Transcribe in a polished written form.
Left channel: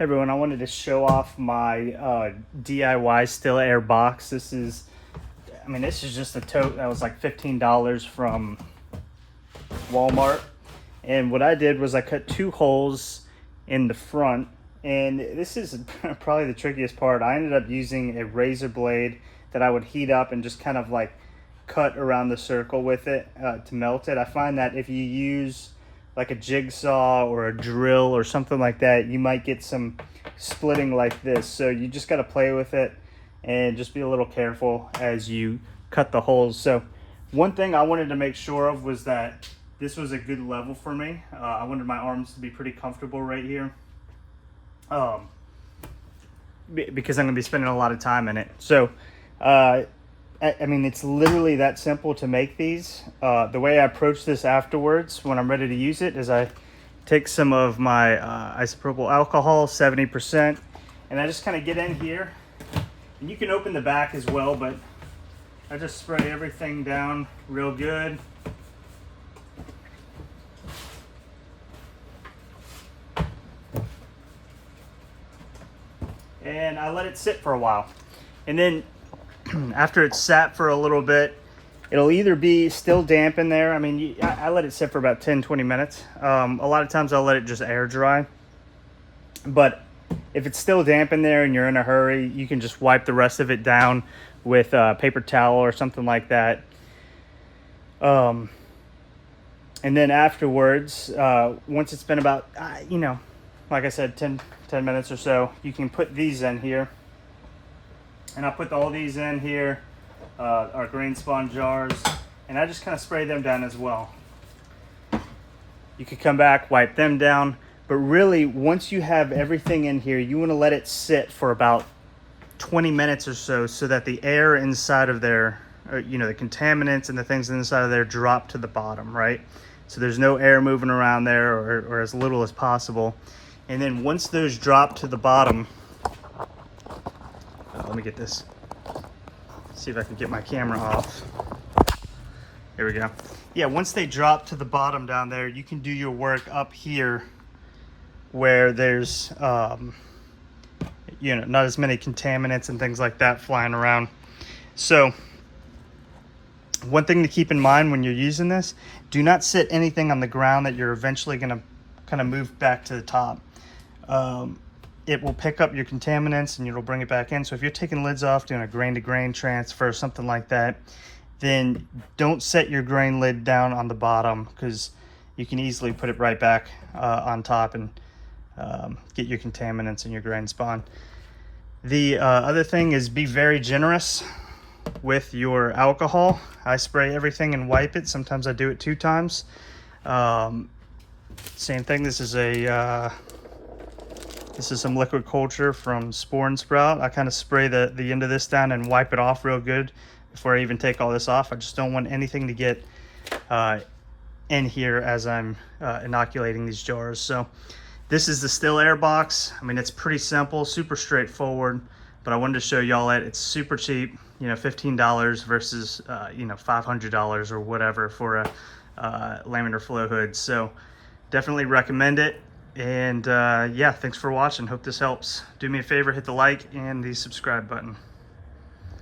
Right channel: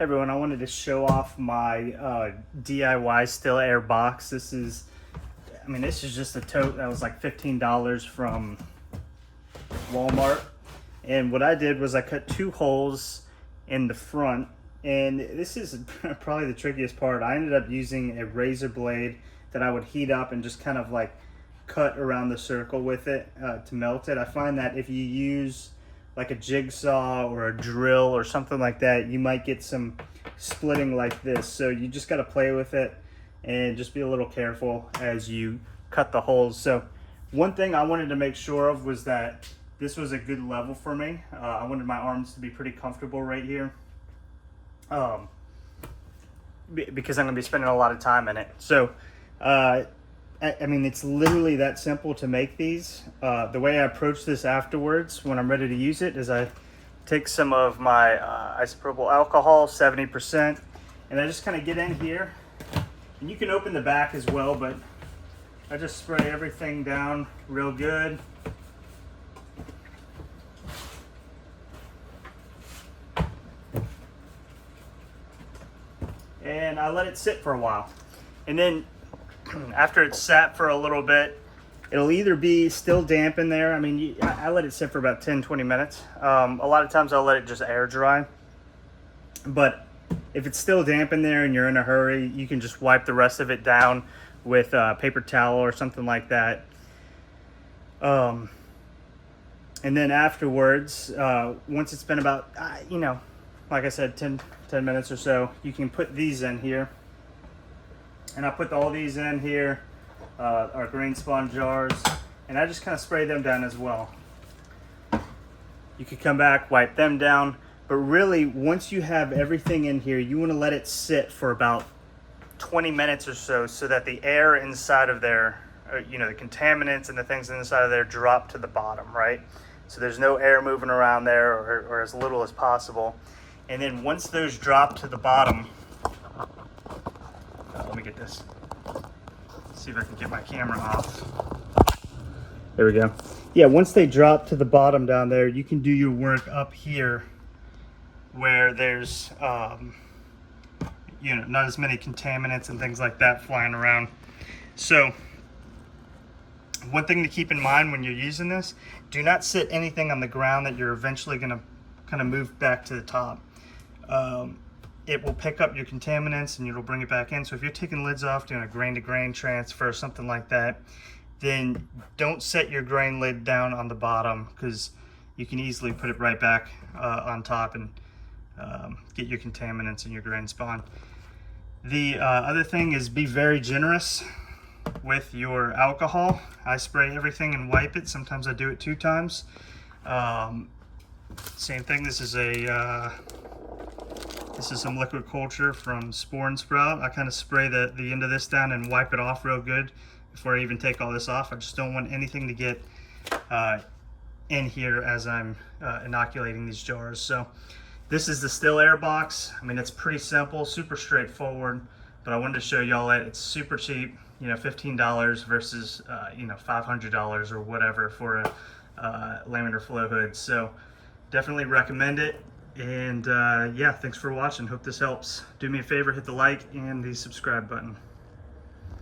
Hey everyone, I wanted to show off my DIY still air box. This is just a tote that was like $15 from Walmart. And what I did was I cut 2 holes in the front, and this is probably the trickiest part. I ended up using a razor blade that I would heat up and just kind of like cut around the circle with it to melt it. I find that if you use like a jigsaw or a drill or something like that, you might get some splitting like this. So you just got to play with it and just be a little careful as you cut the holes. So one thing I wanted to make sure of was that this was a good level for me. I wanted my arms to be pretty comfortable right here because I'm going to be spending a lot of time in it. So I mean, it's literally that simple to make these. The way I approach this afterwards when I'm ready to use it is I take some of my isopropyl alcohol, 70%, and I just kind of get in here. And you can open the back as well, but I just spray everything down real good. And I let it sit for a while. And then after it's sat for a little bit, it'll either be still damp in there. I mean, I let it sit for about 10-20 minutes. A lot of times I'll let it just air dry. But if it's still damp in there and you're in a hurry, you can just wipe the rest of it down with a paper towel or something like that. And then afterwards, once it's been about, like I said, 10 minutes or so, you can put these in here. And I put all these in here, our grain spawn jars, and I just kind of spray them down as well. You could come back, wipe them down, but really once you have everything in here, you want to let it sit for about 20 minutes or so that the air inside of there, the contaminants and the things inside of there drop to the bottom, right? So there's no air moving around there, or as little as possible. And then once those drop to the bottom, let me get this, see if I can get my camera off. There we go. Yeah, once they drop to the bottom down there, you can do your work up here where there's, not as many contaminants and things like that flying around. So one thing to keep in mind when you're using this, do not sit anything on the ground that you're eventually going to kind of move back to the top. It will pick up your contaminants and it'll bring it back in. So if you're taking lids off, doing a grain to grain transfer, something like that, then don't set your grain lid down on the bottom, because you can easily put it right back on top and get your contaminants in your grain spawn. The other thing is, be very generous with your alcohol. I spray everything and wipe it. Sometimes I do it 2 times. Same thing, this is some liquid culture from Spore and Sprout. I kind of spray the end of this down and wipe it off real good before I even take all this off. I just don't want anything to get in here as I'm inoculating these jars. So this is the still air box. I mean, it's pretty simple, super straightforward, but I wanted to show y'all it. It's super cheap, $15 versus $500 or whatever for a laminar flow hood. So definitely recommend it. And yeah, thanks for watching. Hope this helps. Do me a favor, hit the like and the subscribe button.